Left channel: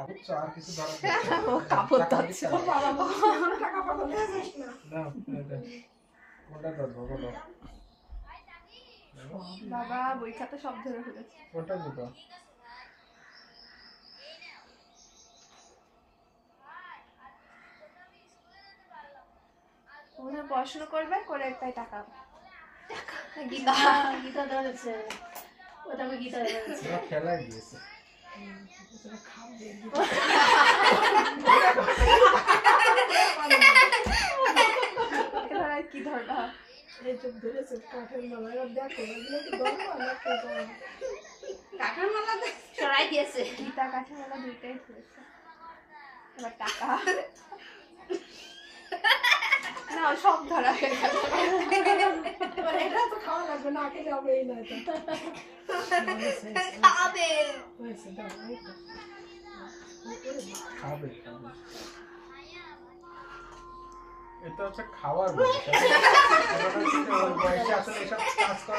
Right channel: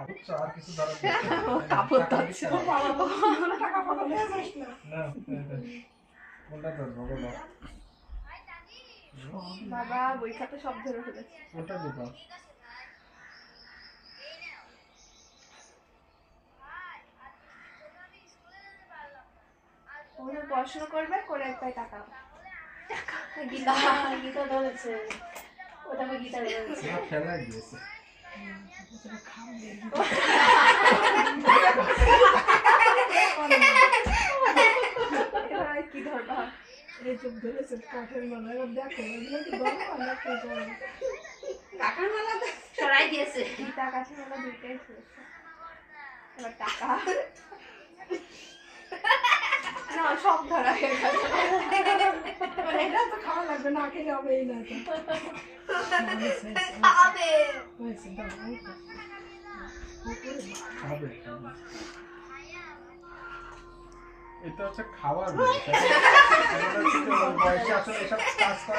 আর কিছু ধরা কাপড় ধরছে টাকা পাবো নিয়ে যাস না কোনটা ধরবো বলো বাবা বই খাতা সব ধরে ফেলেছে কোনটা দিবা ওরা পড়াশোনা করবে করে তাই টাকা গীতা গীতা ধরেছে ওটাকে গীতা ধরেছে খেলা গিয়েছে কি ধরবা এই চোখ ধরেছে কাঠের মালা এবার দেখো এগুলো কি ধরবো আমরা কে ধরবো কাকার মালা সরাই দিয়েছে গীতা কাছে মেলা দুইটাই ধরেছে এবার টাকা না সব ধরা হয়ে গেছে এবার এটা তো খাওয়া লাগবে না খেলে হবে এই না এটা খাবে হয়েছে দাও এই তো। খাবে এটা হচ্ছে খাওয়ার বয়স। এটা হচ্ছে ওই বয়সে আসলে এসব কাজ করে